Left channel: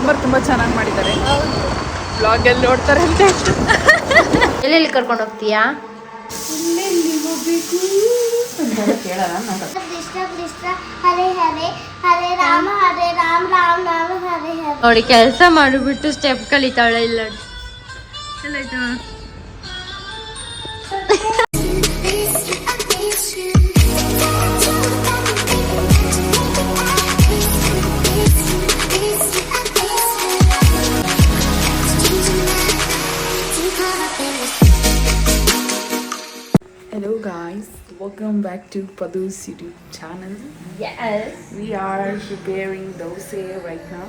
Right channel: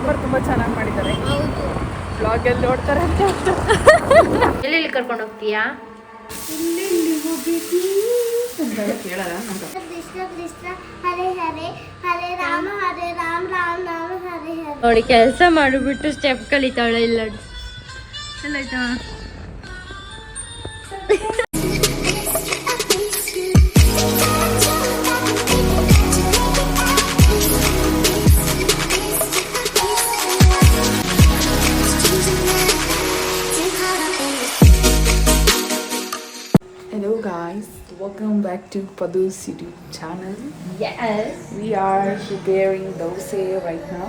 ಸಾಂಬಾರು ತುಂಬ ಚೆನ್ನಾಗಿ ಮಾಡಿದ್ದಾರೆ. ಹೌದು, ಬ್ಲಾಗಲ್ಲಿ ನೋಡ್ತಾರೆ ಅಂತ. ಎಲ್ಲೆಲ್ಲಿ ಕರ್ಕೊಂಡು ಹೋಗ್ತೀಯಾ? ಎಲ್ಲೆಲ್ಲಿ ಹೋಗ್ಬೇಕು ಅಂತ ಕೇಳೋಣ. ಕೃಷ್ಣ ಕೃಷ್ಣ ಹರೇ ಹರೇ ಹರೇ ರಾಮ ರಾಮ ರಾಮ ಹರೇ ಹರೇ. ನೋಡಿ ಕೆಲಸ ಮಾಡಿಬಿಟ್ಟು ಸ್ಟೆಪ್ ಕಲಿತಾಳೆ. ಇಲ್ಲ ಎಲ್ಲ ಆಯ್ತಾ? Hello guys, welcome back to Padu's City channel. Yes. We are preparing dosa right now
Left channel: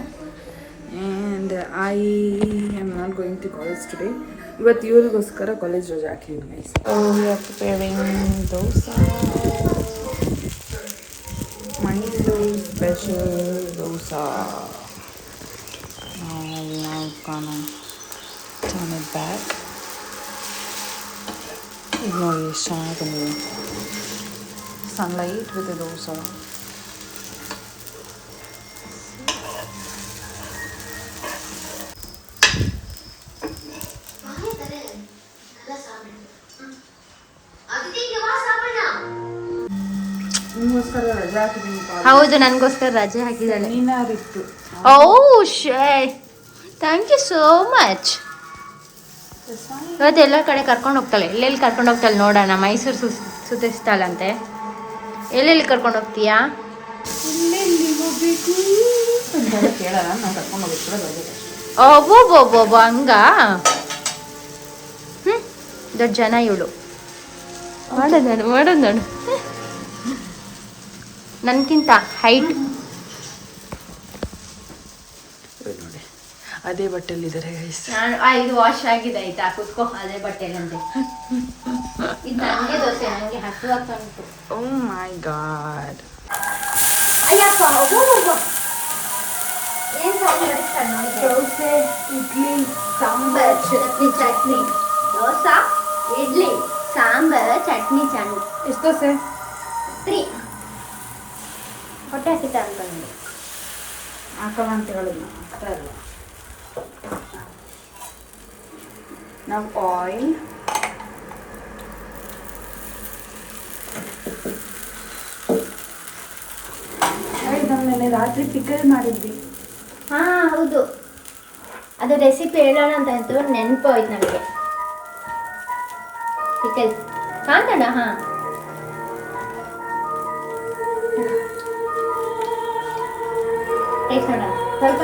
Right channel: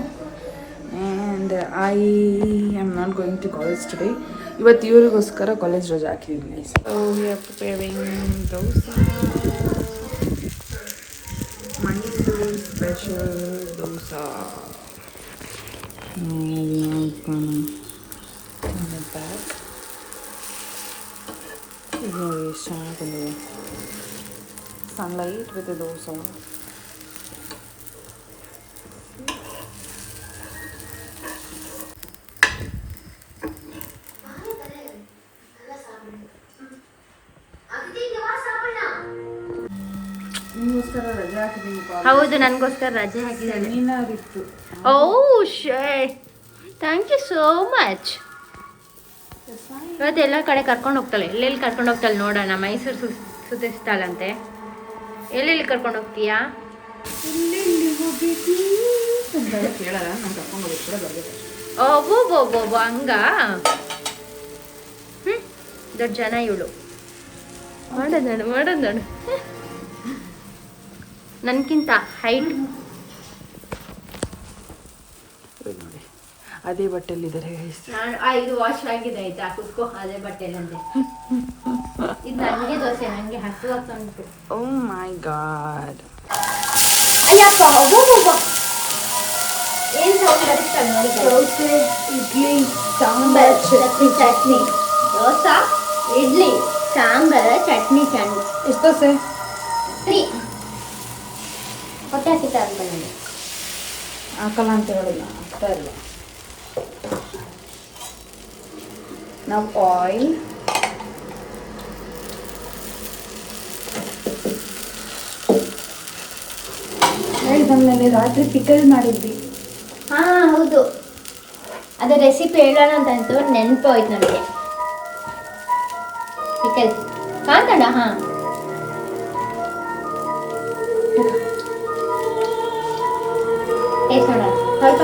and I am not going to college today. ಇವತ್ತು ಇವರಿಗೋಸ್ಕರ ಕಾಲೇಜ್ ರಜೆ ಹಾಕಿದ್ವಿ. So we are preparing dosa. Mysore special dosa. Now we are gonna turn it back. ಇದು ನೋಡಿ ಎಷ್ಟು ಚೆನ್ನಾಗಿ ಬಂದಿದೆ. Sunlight with dosa. ನಿಮಗೋಸ್ಕರ ರಜೆ ಹಾಕಿದ್ದೀನಿ. ಹೌದು, ನನಗೋಸ್ಕರ ರಜೆ ಹಾಕಿದ್ದಾಳೆ. ನೀನಾರಿತ್ತು. ಓ ಶೇ, ಥ್ಯಾಂಕ್ ಯು ಸೋ ಮಚ್. ಇವತ್ತು ಎಲ್ಲ ಕಡೆ ಕರ್ಕೊಂಡು ಹೋಗ್ತಾಳೆ. ಎಲ್ಲೆಲ್ಲಿ ಕರ್ಕೊಂಡು ಹೋಗ್ತಾಳೆ ನೋಡೋಣ. ಮೈಸೂರು ಸುತ್ತಿಸ್ತಾಳಂತೆ. ಎಲ್ಲೆಲ್ಲಿ ಕರ್ಕೊಂಡು ಹೋಗ್ತೀಯಾ? ಎಲ್ಲೆಲ್ಲಿ ಹೋಗ್ಬೇಕು ಅಂತ ಕೇಳೋಣ. ನಾನು ಕರ್ಕೊಂಡು ಹೋಗಿ ಕೂಡ ಬರ್ಬೇಕಷ್ಟೇ. ಒಬ್ಬೊಬ್ಬೊಬ್ಬೊಬ್ಬ ಹಂಗ. ದೊಡ್ಡ ಜನ ಇವಳು. ಮಾಡೋದು ನೋಡು. ನನ್ಗಿಂತ ಹೈಟ್. ನೋಡಿ ಅದೇ ಬಟ್ಟೆಲ್ಲಿದ್ದಾರೆ ಗೈಸ್. ಇದು ವಾಶ್ ಆಗಿದೆ. ಆಯ್ತಾ, ಕುತ್ಕೋ. ಅದೇ ಬಟ್ಟೆ ನಂದೆ. ಇದು ನನಗೆ ದೋಸೆ. ನನಗೆ ಹಸುವಾಗ್ತಂತು. ಓ ಮೈ ಗಾಡ್. ಅಯ್ಯಪ್ಪ, ಏನು ಸೌಂಡ್ ಬರುತ್ತಾ ನೋಡಿ. ದೋಸೆ, ಇಡ್ಲಿ, ಸಾಂಬಾರ್, ಚಟ್ನಿ. ದೋಸೆ, ಇಡ್ಲಿ, ಸಾಂಬಾರ್, ಚಟ್ನಿ. ಎಷ್ಟು ದೋಸೆ? 3. ಹೊಟ್ಟೆ ಹಸಿತಾ ಅನ್ಕೊಂಡೆ. ಹಾಕಲ್ಲ ಅಂತ ಹೇಳಿಲ್ಲ, ಆಗ್ತಾ ಇಲ್ಲ. ನಾವು ಆಯಿಲ್, ಬಂದ್ಮೇಲೆ ರಾತ್ರಿ ಪಿಕಲ್ ಮಾಡಿದ್ವಿ. ಹಾ ಹೌದು, ಅದೇ ರೆಸಿಪಿ ಹೇಳೋಣ ಅಂತಂತು ನೆನಪು ಹೋಯ್ತು ನನಗೆ. ಪಿಕಲ್ ಕಾಂತಣ್ಣ. ಹಾ, ಟೇಸ್ಟ್ ನೋಡ ಸ್ವಲ್ಪ.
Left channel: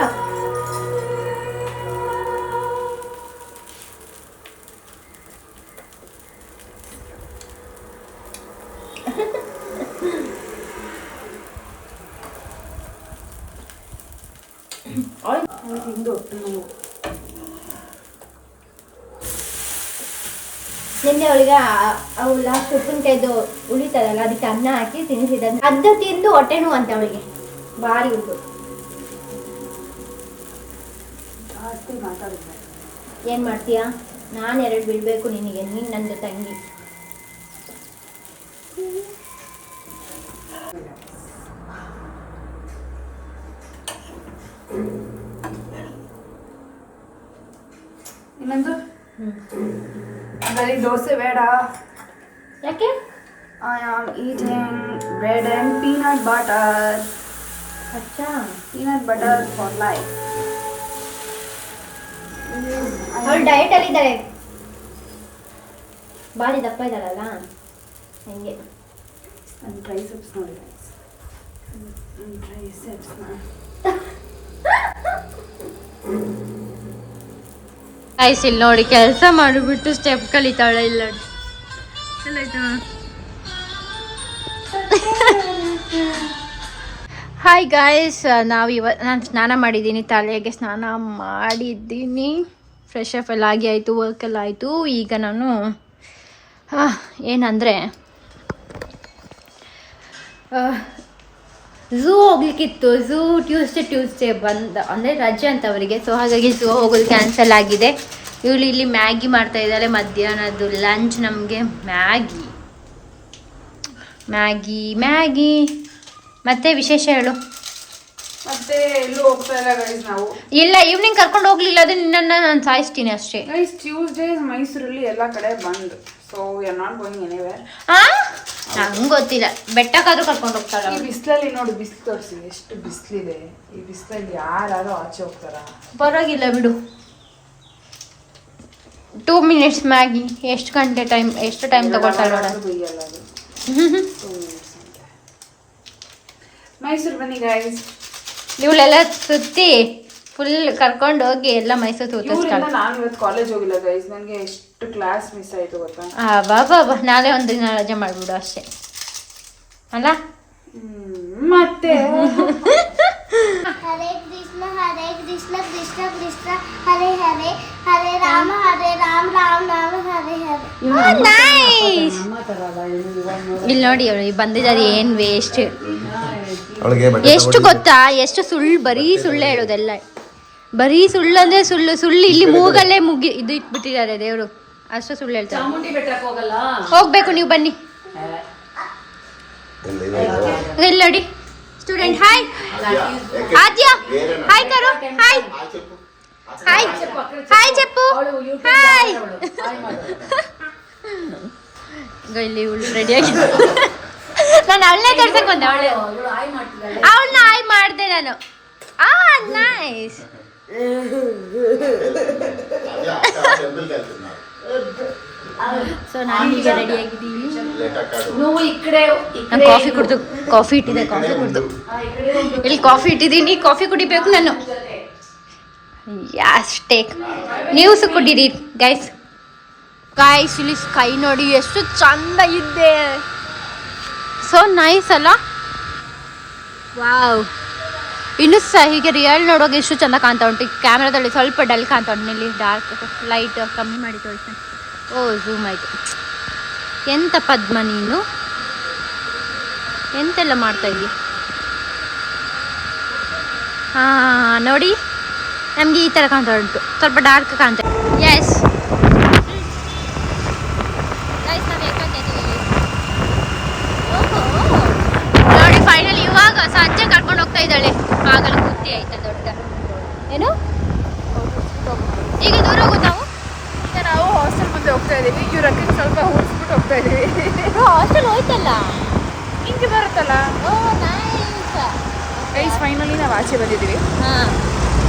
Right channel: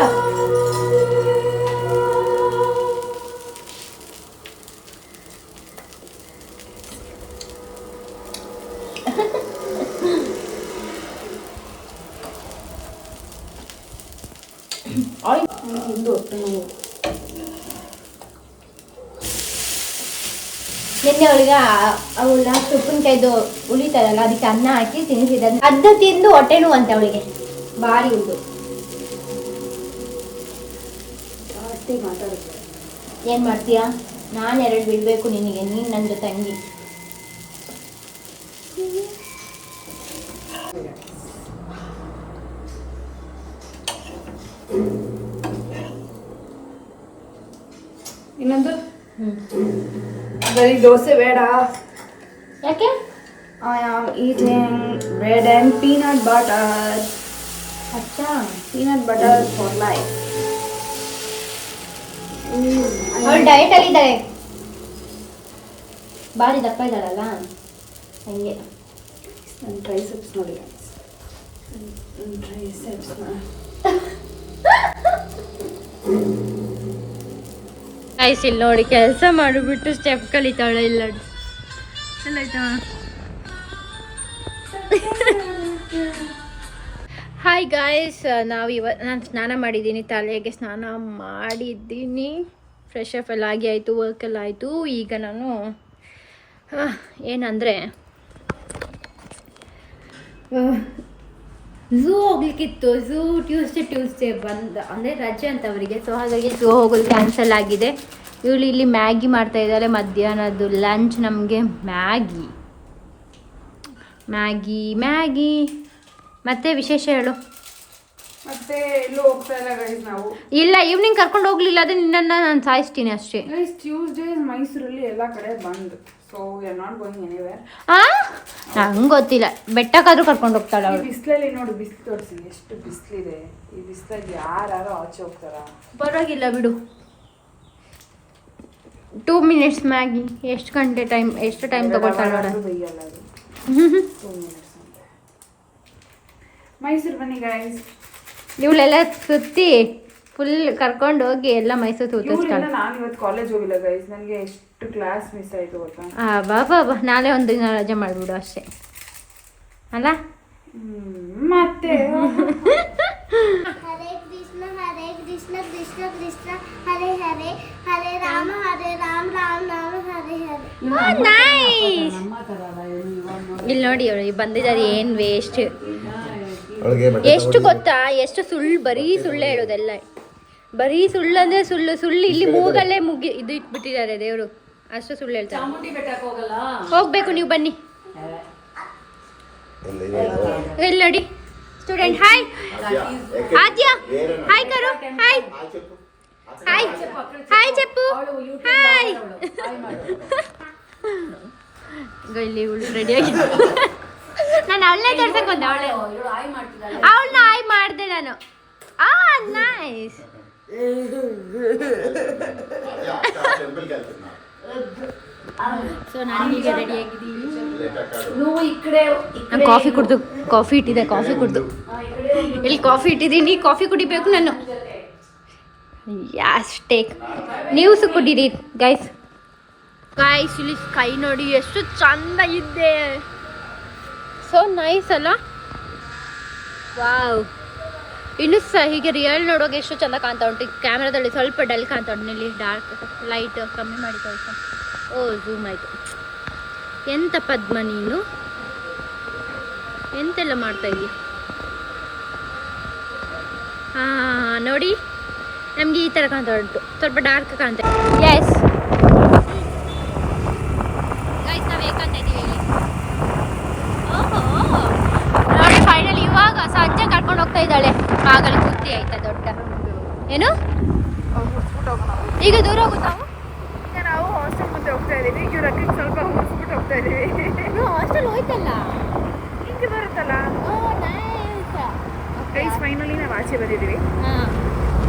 ನಿನ್ನೆ ಅವಳಿಗೆ ಅವಳ ಉಪ್ಪಿನಕಾಯ್ದು ಉಳಿತಾರಲ್ಲ, ಅದಕ್ಕೆ ಅನ್ನ ಹಾಕಿ ತಿನ್ನಿಸಿದ. ಅದು ತಿಂದು ಹೊಟ್ಟೆ ನೋವು ಅಂತ ಅವಳಿಗೆ. ಭಾರಿ ಉಂಟು. ಏನ್ ಮಾಡ್ತೀಯಾ? ನಾನು 2 ಬಿಡ್ಬೇಕು ನಿನಗೆ. ನೀನ್ ನನ್ನ ತಂಗಿ. ಇನ್ನೊಂದು ಬರೀ ದೋಸೆ ಬೇಡ. ಯಾಕೆ? I am eating bread and peanut butter. ಅಚ್ಚಾ, Peanut butter for life. ಅವಳು ಡಯಟ್ ಅಲ್ಲಿ ಇದ್ದಾಳೆ. ಭಾರಿ ದಪ್ಪ ಇದ್ದಾಳಲ್ಲ, ಹಂಗೆ. ನನ್ನ ಟ್ರೈಸೆಪ್ಸ್ ನೋಡಿ ಗೈಸ್. ಟ್ರೈಸೆಪ್ಸ್ ಇಲ್ಲಿ ನೋಡಿ ಕೆಲಸ ಮಾಡಿಬಿಟ್ಟು ಸ್ಟೆಪ್ ಕಲಿತಾಳೆ. ಇಲ್ಲ ಎಲ್ಲ ಆಯ್ತಾ? ಹಾಯ್ ಗಾಯ್ಸ್, ನಾನು ಸ್ನಾನ ಮಾಡಿದ್ದೀನಿ. ತಲೆಗೆ ಸ್ನಾನ ಮಾಡಿದ್ದೀನಿ. ಫ್ರೆಶ್ ಅಪ್ ಎಲ್ಲ ಆಗಿ ಆಯಿತು, ವರ್ಕೆಲ್ಲ ಆಯಿತು. ಈಗ ನಾನು ಏನಂದರೆ ಝೂ ಹೋಗ್ಲಿಕ್ಕಿತ್ತು. ಝೂ ಟ್ಯೂಸ್ಡೇ ಅಂದರೆ ರಜೆ ಅಂತ ಅವರಿಗೆ. ಸೊ ಹಾಗಾಗಿ ಝೂ ಹೋಗೋದು ಕ್ಯಾನ್ಸಲ್ ಆಗಿದೆ. ಇವಳು ಇಲ್ಲಿ ಮ್ಯಾಗಿ ಮಾಡ್ತಾ ಇದ್ದಾಳೆ. ಮಧ್ಯಾಹ್ನದ್ದು ಲಂಚ್ ನಮಗೆ ಮ್ಯಾಗಿ. ಮತ್ತೆ ವಿಶೇಷ ಹೇಳು. ಮತ್ತೆ ಎಲ್ಲೂ ಹೋಗ್ತಾ ಇಲ್ಲ ಗೈಸ್ ನಾವು. ಇಲ್ಲ ಈವ್ನಿಂಗ್ ಕರ್ಕೊಂಡು ಹೋಗ್ಲಿಲ್ಲ ಅಂದ್ರೆ ನಿನ್ನನ್ನು ನಾನು ಸಾಯಿಸ್ತೀನಿ ಅಷ್ಟೇ. ಗೈಸ್ ಟ್ಯೂಸ್ಡೇ ಮೈಸೂರಲ್ಲಿ ಎಲ್ಲ ಕಡೆ ಬಂದ್, so we are not going anywhere. ನಂಗೆ ಗೊತ್ತಿಲ್ಲ, ಬೆಟ್ಟಕ್ಕಾದ್ರೂ ಕರ್ಕೊಂಡು ಹೋಗ್ತಾಳೆ. ಈ ಬಿಸಿಲಲ್ಲಿ ನೋಡಿ, ಬಿಸಿಲು ತೋರಿಸಿ ಎಷ್ಟು ಬಿಸಿಲಿದೆ. ಈ ಬಿಸಿಲಲ್ಲಿ ಯಾರು ಆಚೆ ಹೋಗ್ತಾರ? ಪರವಾಗಿಲ್ಲ ಬಿಡು. 2 minutes ಮ್ಯಾಗಿ ಎಷ್ಟು ಟೈಮ್ ತಗೊಳ್ತಾಳೆ ನೋಡ. ಮೈಸೂರು ಬನ್ನಿ ಗೈಸ್. ಇವಳೆಲ್ಲ ಸುತ್ತಿ ಫುಲ್ ಕರ್ಕೊಂಡು ಹೋಗಿ ಎಲ್ಲ ಮೈಸೂರು ಸುತ್ತಿಸ್ತಾಳೆ. ನಾನು ಇವತ್ತು ಕಾಲೇಜ್ ಹೋಗಿಲ್ಲ ಗೈಸ್, ನನಗೆ ಎಷ್ಟು ಕ್ಲಾಸ್ ಮಿಸ್ ಆಯ್ತು ಗೊತ್ತಾ. ಬಾಬಾ ನಾಳೆ ಒಂದು ದಿನ ರಜೆ ಮಾಡ್ಬಿಡು ಅಷ್ಟೇ ಅಲ್ಲ. ಮತ್ತೆ ಹರೇ ಕೃಷ್ಣ ಕೃಷ್ಣ ಕೃಷ್ಣ ಹರೇ ಹರೇ, ಹರೇ ರಾಮ ರಾಮ ರಾಮ ಹರೇ ಹರೇ. ನೈಸ್. ಇಲ್ಲಿ ನೋಡಿ ಅವಳು ಬಂದಿದ್ದಾರೆ, ಏನು ವೇಸ್ಟ್. ಎಷ್ಟು ಗೊತ್ತಾ, ಎಷ್ಟು ಸುಳ್ಳು, ಬರೀ ಸುಳ್ಳು ಹೇಳೋದೆಲ್ಲ. ಬರೀ ಸುಳ್ಳು ಅಂದ್ರೆ ಸುಳ್ಳು ಇಲ್ಲಿ ಮೂಗಲ್ಲೇ ಇದು ಇಟ್ಬಿಟ್ಟಿದ್ದಾರೆ ದೇವರು, ಅಷ್ಟು ಸುಳ್ಳು ಹೇಳ್ತಾರೆ. ಹೋಗ್ಬೇಕು ನೀವು ಬನ್ನಿ. ಇಲ್ಲಿ ನೋಡಿ ಸ್ಟೂಡೆಂಟ್. ಹಾಯ್ ಆದ್ಯ, ಹಾಯ್ ಕರು, ಹಾಯ್ ಹಾಯ್ ಹಾಯ್ ಚಪ್ಪು, ಹಾಯ್. ಇಲ್ಲಿ ರೆಡಿಯಾಗಿ ನಾನು ಅವಳನ್ನೇ ತೋರ್ಸಕ್ ಬಂದೆ. ಅವಳನ್ನ ಹಾಯ್ ಮಾಡಿದೆ ನಾನು. ನೈಸ್. ಸೊ ನಾನು ಈಗ ರೆಡಿ ಆಗಿದ್ದೀನಿ. ನಾನು ಕಾಫಿ ಇಟ್ಟಿದ್ದೆ. ಇಲ್ಲಿ ಕಾಫಿ ಇಟ್ಟಿದ್ದೀನಿ, ಕಾಫಿ ಕುಡಿಬೇಕು ನಾನು. ಯಾಸ್ ಟೇಕ್. ನೀವು ಸಹ ಕುಡೀರಿ ಗೈಸ್. ಇಲ್ಲಿ ಸ್ಕೈ ನೋಡಿ ಎಷ್ಟು ಚಂದ ಇದೆ. ಸೊ ನೈಸ್ ಅಲ್ಲ? ವಾವ್. ಇನ್ನೂ ಸಹ ಹೀಗೆ ರಿಯಲ್ ನೋಡುವಾಗ ಎಷ್ಟು ಚಂದ ಕಾಣ್ತಾ ಉಂಟು. ಕ್ಯಾಮ್ರಾದಲ್ಲಿ ಸ್ವಲ್ಪ ಡಲ್ ಕಾಣ್ತಾ ಉಂಟು. ಇಲ್ಲಿ ಡಾರ್ಕ್ ಲೈಟ್ ಕಮ್ಮಿ ಮಾಡಿ ತೋರಿಸ್ತೀನಿ. ಝೂಮ್ ಆಯಿತು. ಎಂತ ಪದ್ಮ ನೀನು, ಎಂತೆಲ್ಲ ಮಾಡ್ತಾ ಇದ್ದೀವಿ. ನೋಡಿ ನಮಗೆ ಈ ಥರ ಕಾಣ್ತಾ ಉಂಟು, ಸ್ವಲ್ಪ ಡಾರ್ಕ್ ಕಾಣ್ತಾ. ಎಸ್ ನೋಡಿ ಫೈನಲ್ ಇವಾಗ ಸಂಜೆ ಕರ್ಕೊಂಡು ಹೋಗ್ತಾ ಇದ್ದಾಳೆ. ಆಗಲೇ ಖುಷಿ ಆಯ್ತದೆ. ಏನು ಈಗ ದೂರ ಹೋಗೋದು ನಾವು. ನಾವು ಹಾಸ್ಟೆಲ್ ಮುಂದೆ ಹೋಗ್ತಾ ಇದೀವಿ. ಇವ್ರಕ್ಕೆ ಸ್ವಲ್ಪ ಹೋಗ್ಬಿಟ್ಟು ಹೋಗ್ತಾ ಇದೀವಿ. ಹಾಸ್ಟೆಲ್ ಹೋಯ್ತಲ್ಲ, ಹಿಂಗೆ ಬರುತ್ತಲ್ಲ. ನೈಸ್. ಫೈನಲಿ ನಾವು ಆಚೆ ಬಂದಿದ್ದೀವಿ.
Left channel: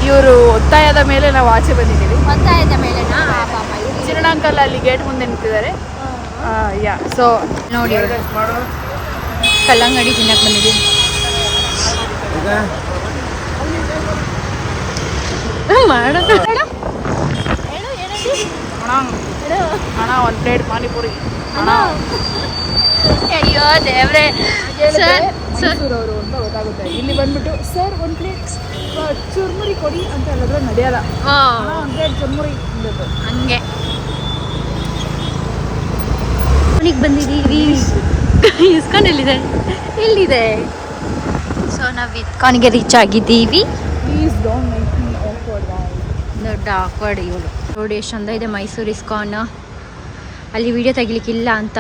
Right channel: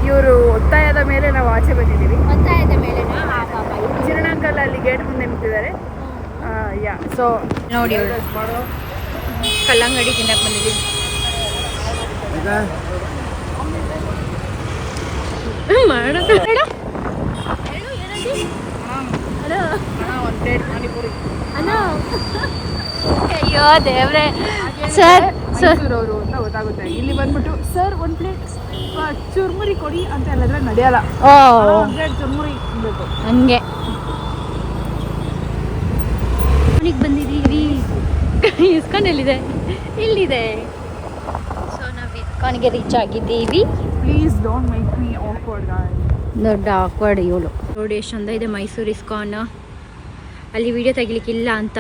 ಇವರು ಒತ್ತಾಯದ ಮೇಲೆ ನಾವು ಆಚೆ ಬಂದಿದ್ದೀವಿ. ಒತ್ತಾಯದ ಮೇಲೆನಾ? ಚಿರಣಾಂಕಲ್ ಅಲ್ಲಿ ಗೇಟ್ ಮುಂದೆ ನಿಂತಿದ್ದಾರೆ. ಸೊ ನೋಡಿ ಅವಳು ಕಲ್ಲಂಗಡಿ ತಿನ್ನಕ್ಕೆ ಬಂದಿದ್ದೀವಿ. ಮಾಡೋದು ಒಂದು ಪ್ಲೇಟ್ ಪಾನಿಪುರಿ. ಅಯ್ಯೋ ದೇವ್ರೆ. ಮೈಸೂರವರು ಅಂತ ಗೊತ್ತಾಗುತ್ತೆ. ಇಲ್ಲಿ ಬಂದ್ಬಿಟ್ಟು ಸರ್ ಒಂದು ಪ್ಲೇಟ್ ಚುರ್ಮುರಿ ಕೊಡಿ ಅಂತ ಹೇಳಿದ್ರೆ ನಡೆಯಲ್ಲ. ಚುರ್ಮುರಿ ಹಂಗೆ ಮನೆಗೆ ಬಂದಿದ್ದೀವಿ. ಇಸ್ಕಾನ್ ಎಲ್ಲಿದೆ? ಇಲ್ಲಿದೆ. ಸೊ ನಾವು ಇಸ್ಕಾನ್ಗೆ ರೀಚ್ ಆಗಿದ್ದೀವಿ. Please don't make me awkward. ದೊಡ್ಡ ಆಕ್ವರ್ಡ್ ಇವಳು. ನೋಡಿ ಎಷ್ಟು ಚಂದ ಇದೆ ಮೈಸೂರು ಇಸ್ಕಾನ್. ಅಲ್ಲಿ ವಿಡಿಯೋ ತೆಗಿಲಿಕ್ಕಿಲ್ಲ ಅಂತ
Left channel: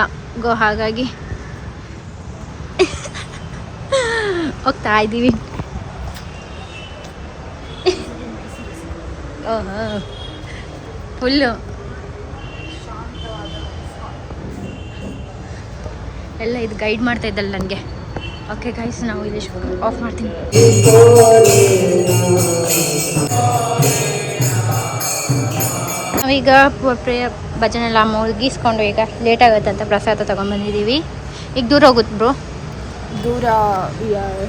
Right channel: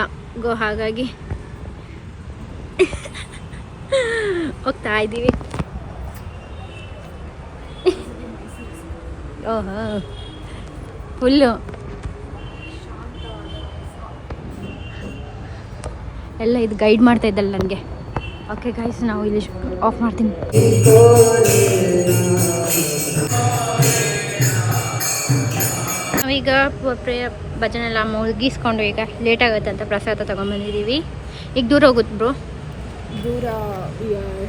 ಹಾಗಾಗಿ ಹೋಗ್ತಾ ಇದ್ದೀವಿ. ಫುಲ್ಲು ಎಲ್ಲ ಇದು ಗೈಡ್ ಮಾಡ್ತಾ ಇದ್ದಲ್ಲ ನನಗೆ. ಓಕೆ ಗೈಸ್, ನಾವು ಇಲ್ಲಿ ಆಫ್ ಮಾಡ್ತೀನಿ. ನಾವೀಗ ಭಜನೆ ಎಲ್ಲ ಮುಗಿಸ್ಕೊಂಡು ಈಗ ಲೇಟ್ ಆಗುತ್ತೆ ಅಂತ ಪ್ರಸಾದ ತೊಗೊಂಡ್ಬಂದಿದ್ದೀವಿ. ಈಗ ದೂರ ಹೋಗುತ್ತೆ ಬ್ರೋ. ದೂರ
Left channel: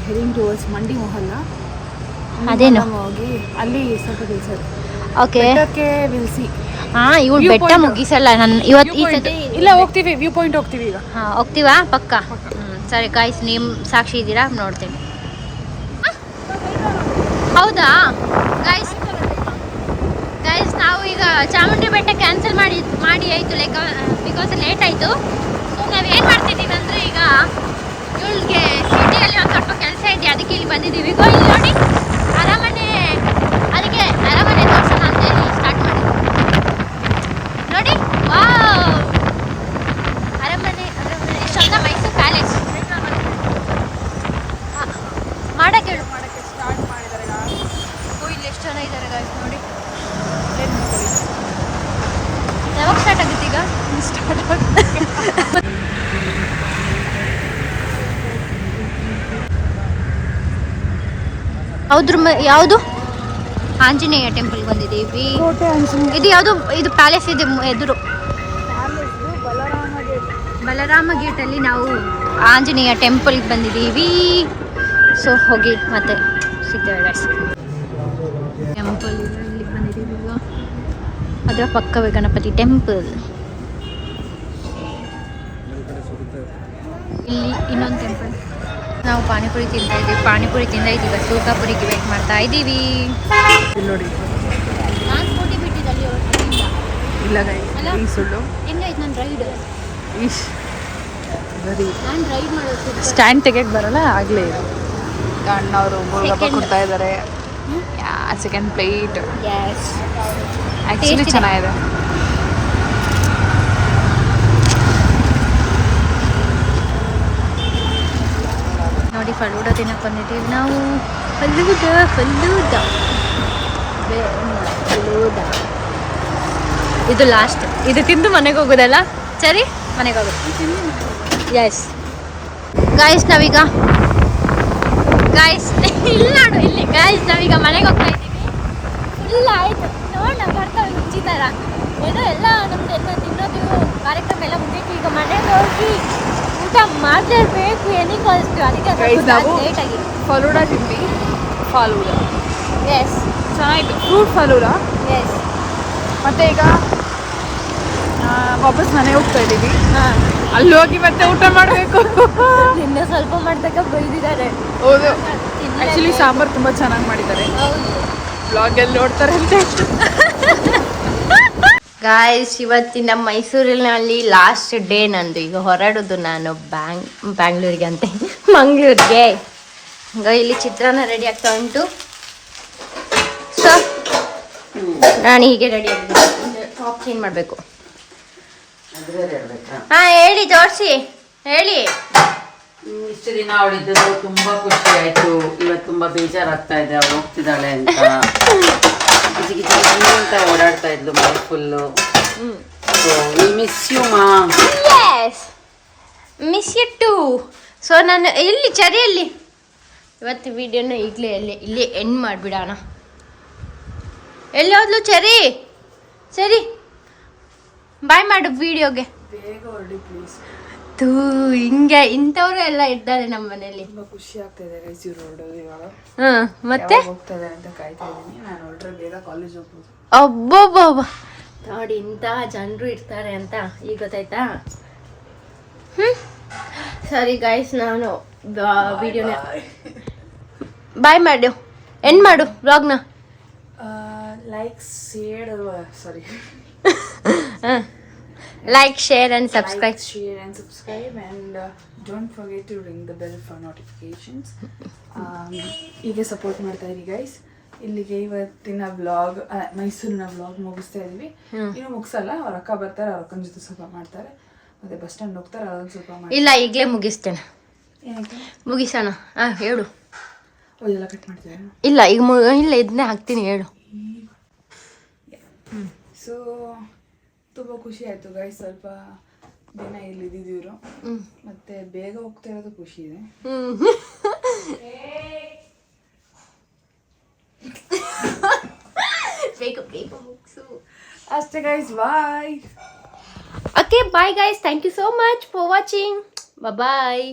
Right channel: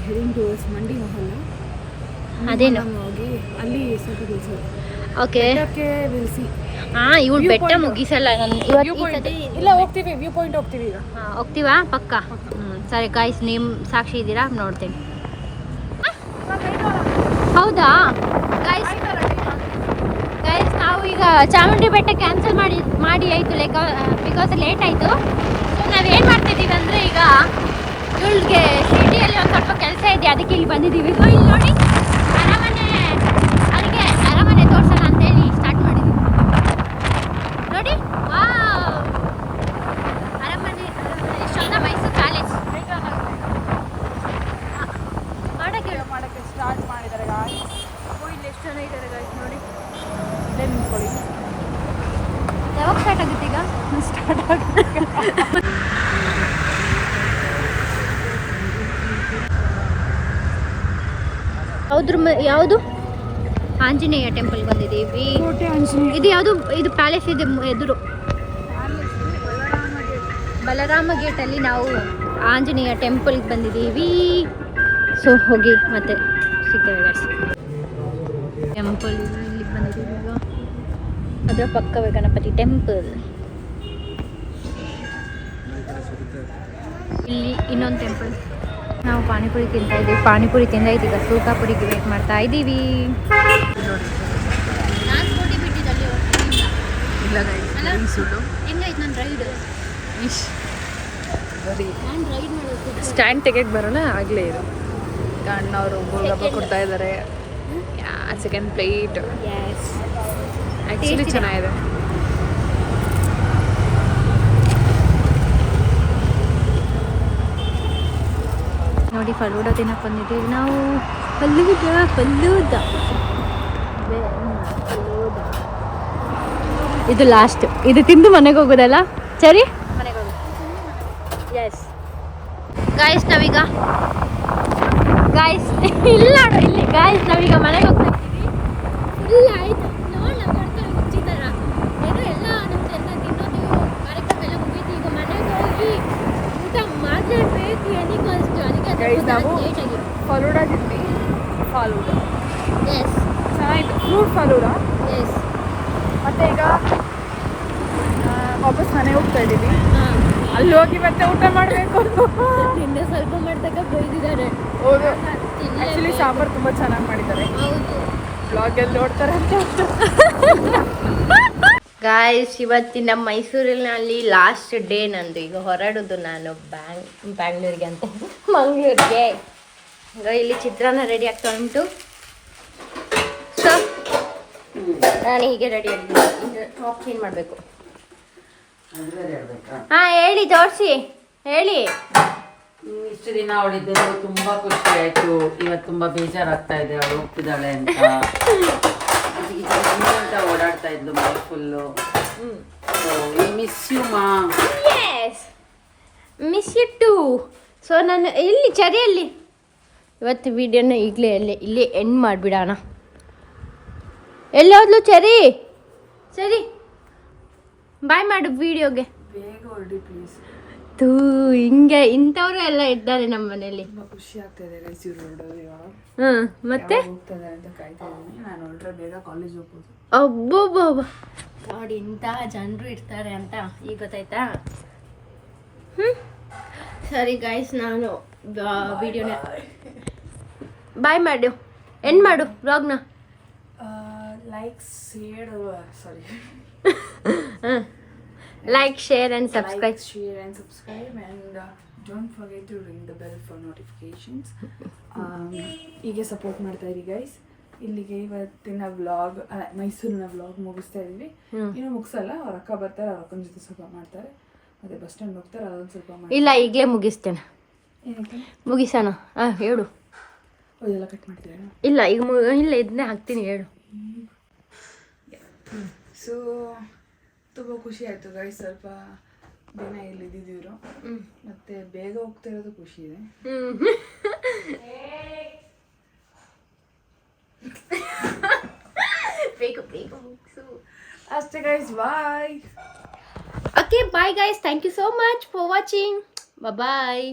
ಹೆರಿಂಗ್ ಟುವರ್ಡ್ಸ್ ಮಂಡಿ ಮೊಹಲ್ಲ. ಅದೇನು ಹೋಗಿ ಅಲ್ಲಿ ಸ್ವಲ್ಪ ಕೆಲಸ ಇದೆ. Okay will see. ಇವಳು ಬೆಟ್ಟ ಮುಗಿಸಲ್ಲ. ನಾನು ಇವತ್ತು ಇಲ್ಲ ಹೋಗ್ತೀವಿ, ವ್ಯೂ ಪಾಯಿಂಟ್ ಹೋಗ್ತೀವಿ ಈಗ. ಹೋಗ್ತೀವಾ? ಪಕ್ಕ. ಸರಿ ಗಾಯ್ಸ್, ನೀವು ಸಾಕ್ಷಿ ಇದ್ದೀರಾ? ನೋಡ್ತೀನಿ. ಹೌದಾ ಗಾಯ್ಸ್? ನಾವು ಈಗ ಚಾಮುಂಡಿ ಬೆಟ್ಟ ಕ್ಯಾನ್ಸಲ್ ಮಾಡಿ ಆಯಿತು, ಬಿಕಾಸ್ ಲೇಟ್ ಆಯಿತು. ನಾವೇನು ಮಾಡ್ತಿದ್ದೀವಿ ಅಂದರೆ ಈಗ ಇಲ್ಲಿಗೆ ಸಿಟಿಯಲ್ಲಿ ಒಂದು ಸ್ವಲ್ಪ ಕೆಲಸ ಇದೆ, ಅದಕ್ಕೆ ಇಲ್ಲಿ ಬಂದಿದ್ದೀವಿ. ಇಲ್ಲಿ ನೋಡಿ ಅರಮನೆ, ಅದಕ್ಕೆ ಅರಮನೆ ತೋರ್ಸೋಣ ಅಂತೇಳಿ ಸ್ಟಾರ್ಟ್ ಮಾಡಿದ್ವಿ. ನೋಡಿ ವಾವ್, ಅರಮನೆ ಎಷ್ಟೊಂದ ಮೈಸೂರು ಪ್ಯಾಲೇಸ್ ಮಾಡಕ್ಕೆ ಹೇಳು. ಗಾಯ್ಸ್ ನೋಡಿ ಯಾವಾಗ ಸ್ಟಾರ್ಟ್ ಆಗುತ್ತೆ ಈಗ ಯಾವುದು ಆಂಜನೇಯ ಟೆಂಪಲ್ಗೆ ಬಂದಿದ್ದೀವಿ. ಇದು ಯಾವುದು ಇದು ಪ್ಯಾಲೇಸ್ ಇದೆ ಎದುರು ಬಲರಾಮ ಗೇಟಲ್ಲಿ ನಾವು ಆಂಜನೇಯ ಟೆಂಪಲ್ಗೆ ಬಂದಿದ್ದೀವಿ. ಸೊ ಹೋಗಿ ಮತ್ತೆ ಸಿಗ್ತೇವೆ ಗಾಯ್ಸ್. ಟೆಂಪಲ್ ಇಲ್ಲಿಗೆ ಬಂದಿದ್ದೀವಿ ಈಗ. ಅದರ ಪಕ್ಕವೇ ಗಣಪತಿ ಟೆಂಪಲ್. ಇಲ್ಲಿ ಇನ್ನೊಂದು ಟೆಂಪಲ್. ನಾವು ಪಾನಿಪುರಿ ತಿಂತಾ ಇದ್ದೀವಿ. ಪಾನಿಪುರಿ ತಿಂದಾಯ್ತು, ಈಗ ಸೂಕಾಪುರಿಗೆ ವೇಟ್ ಮಾಡ್ತಾ ಇದ್ದೀವಿ. ನಾನು ಸ್ಕೂಟಿ ಬಿಟ್ಟಿದ್ದಲ್ಲಿ ಸುಳ್ಳು ಹೆಂಗಾಯ್ತು ನನ್ನ ರೈಡ್? ನಾನು ರೈಡ್ ಮಾಡೋದು ಸ್ಟ್ಯಾಂಡ್ ಟಿಕೆಟ್ ಬರೋಲ್ಲ ಆಗಲೇ ಇದು. ಈಗ ಅಣ್ಣವರು ಗೋಲ್ಗಪ್ಪ ಕೊಡ್ತಾ ಇದ್ದಾರೆ. ಸೆಕೆಂಡ್ ಪ್ಲೇಟ್ ಆ್ಯಕ್ಚುಲಿ ಚೆನ್ನಾಗಿದೆ. ನೋಡಿ ಫಲೂಡ ತಿನ್ನಕ್ಕೆ ಬಂದಿದ್ದೀವಿ ನಾವು. ಫಲೂದ ಇದು ಲಾಸ್ಟ್. ಇದು ತಿಂದು ಮನೆಗೆ ಹೋಗೋದಲ್ಲ. ಸರಿ ಮನೆಗೆ ಹೋಗೋದು. ಎಸ್ ಗಾಯ್ಸ್ ನಾವೀಗ ಇಲ್ಲಿ ಗಾಯ್ಸ್ ನಾವೀಗ ಮನೆಗೆ ಹೋಗ್ತಾ ಇದ್ದೀವಿ. ಫುಲ್ ಆಯಿತು ನೋಡ ಬರ್ತಾವೆ ಮುಂಚಿ ಥರ ಏನೋ ಎಲ್ಲ ನಮ್ದು ಎಲ್ಲ ತಿನ್ನೋದು ಕಾರ್ಯಕ್ರಮ ಎಲ್ಲ ಮುಗಿತು. ಈಗ ಮನೆಗೆ ಹೋಗಿ ಊಟ ಮಾಡಲೇಬೇಕು ಏನಕ್ಕೆ ಅಷ್ಟು. ಅದಕ್ಕೆ ಲೇಟಾಗಿ ಫಲೂಡ ತಿಂದ್ವಿ. ಫಲೂಡ ಎಸ್ ಚೆನ್ನಾಗಿತ್ತು. ಫ್ರೂಟ್ ಫಲೂಡ. ಎಸ್ ಮತ್ತೆ ಈಗ ವಾಪಸ್ ಮನೆಗೆ ಹೋಗ್ತಾ ಇದ್ದೀವಿ. ಹಾಂ ಅಲ್ಲಿ ಹೋಗಿ ಮತ್ತೆ ಊಟ ಮಾಡಬೇಕು. ನಿನ್ನೆ ಸ್ವಲ್ಪ ಮಾಡ್ತಕ್ಕ ಬೈದಿದ್ದಾರೆ. ಹೌದು, ಆ್ಯಕ್ಚುಲಿ ಸಾಂಬಾರು ತುಂಬ ಚೆನ್ನಾಗಿ ಮಾಡಿದ್ದಾರೆ. ಹೌದು ಬ್ಲಾಗಲ್ಲಿ ನೋಡ್ತಾರೆ ಅಂತ. ಗಾಯ್ಸ್ ಇವತ್ತಿನ ಮೈಸೂರಿನಲ್ಲಿ ಲಾಸ್ಟ್ ಡೇ ನಂದು. ಈಗ ಹೊರಡೋದು ನಾನು ಬ್ಯಾಂಗ್ಳೂರಿಗೆ ಅಂತೆ ಮಂಗಳೂರಿಗೆ. ಈಗ ಇಲ್ಲಿ ಚಿತ್ರಾನ್ನ ರೆಡಿ ಆಗ್ತಾ ಉಂಟು. ಸೊ ನಾನು ಹೀಗೆ ರೆಡಿ ಆಗಿದ್ದೀನಿ. ಟಾಪ್ ಚೇಂಜ್ ಮಾಡಬೇಕು. ಹಾಂ ಹೇಳಿ ತೋರಿಸಿ ಹೇಳಿ. ಇಷ್ಟು ದಿನ ಅವಳಿದ್ದು ತುಂಬಾ ಖುಷಿ ಆಯ್ತು. ಇವತ್ತು ತುಂಬಾ ಬೇಜಾರಾಗ್ತಾ ಇದೆ ಅವಳು ಹೋಗ್ತಿದ್ದಾಳೆ ಅಂತ. ಅಂತ ಓಡಾಡ್ತಾ ಇದ್ಲು ಮನೆ ಫುಲ್ಲು. ಮಿಸ್ ಯು ಮಾ. Yes miss you too. So ನಾನು ಇಲ್ಲಿ ಚರಿಯಲ್ಲಿ ಇವತ್ತು ವಿಡಿಯೋನ ಇಲ್ಲೇ ಎಂಡ್ ಮಾಡಿಬಿಡೋಣ. ಎಲ್ಲಿ ಹೋದ್ಲು ಚರಿ? ಸರಿ ಬಾಯ್ ಮಾಡು ವಿಡಿಯೋಗೆ. ಬೇಗ ಹೊರಡಿ ಪ್ಲೀಸ್. ತೂ ಹಿಂಗೆ ಇಂಥವ್ರು ಎಲ್ಲ ಇದ್ದಾರೆ ನಮ್ಮ ಮನೇಲಿ. ತುಂಬ ಖುಷಿ ಆಗ್ತಾ ಇದೆ ಗೈಸ್ ಇವ್ರು ಹೊರಡೋದು ಇವಾಗ. ಹಾಂ ಮತ್ತೆ ಹೋಗ್ತದೆ ಅಂತ ಕಾಯ್ತಾ ಇದ್ದೀನಿ. ನಾನು ಹೊರಟ್ರೆ ಬೇಗ ಕಾಲೇಜ್ ಹೋಗ್ಬೋದು. ಅಬ್ಬಬ್ಬಬ್ಬ ನೋಡಿ ಇಂಥ ಜನರು ಇರ್ತಾರೆ ಅಂತ ಈಗ ಗೊತ್ತಾಯ್ತಾ. ಸರಿ ಗೈಸ್ ನಾನು ವಿಡಿಯೋನ ಬಾಯ್ ಮಾಡು ಎಂಡ್ ಮಾಡು ವ್ಲಾಗ್ನ. Like share sorry like share and subscribe. Like, share and subscribe and don't forget to ring the bell for notifications. ಹೀಗೆ ಸಪೋರ್ಟ್ ಮಾಡ್ತಾ ಇರಿ ಗೈಸ್. ಇಲ್ಲಿಗೆ ಇವತ್ತಿನ ವ್ಲಾಗ್ ಮೈಸೂರಿನ ವ್ಲಾಗ್ ಮುಗಿಸ್ತಾ ಇದೀವಿ. ಇನ್ನು ಮುಗಿಸಲ್ಲ, ಅವ್ರ ಅಕ್ಕ ಬರ್ತಾರೆ, ಅವ್ರ ಅಕ್ಕನ ಜೊತೆ ಸ್ವಲ್ಪ ಮಾಡ್ತಾರೆ, ಮತ್ತೆ ಬಸ್ ಸ್ಟ್ಯಾಂಡ್ ಹೋಗ್ತಾರೆ, ಅದೊಂದು ಸ್ವಲ್ಪ ಮಾಡಿ. ಇಲ್ಲ ಈಗಲೇ ಮುಗಿಸ್ತೇನೆ. ಮುಗಿಸೋಣ. ಹೇಳು. ಇದೆಲ್ಲ ಕಟ್ ಮಾಡ್ತೀವಿ. ಇಲ್ಲ ಈಗ ಇಲ್ಲ ಇದನ್ನೇ ಹಾಕ್ತೀನಿ ಹೇಳು. ಸೊ ತುಂಬ ಖುಷಿ ಆಯಿತು ಗೈಸ್. ಸ್ವಲ್ಪ ದಿನ ಇಲ್ಲಿ ಇದ್ದಿದ್ದೀವ್ರು, ಮತ್ತೆ ಬೇಗ ಹೋಗ್ತಾ ಇರೋದು ಖುಷಿ ಇದೆ. ಬೇಗ ಮುಗಿಸು ಅಷ್ಟೇ guys. Bye. Okay bye guys. Thank you so much for watching. Bye.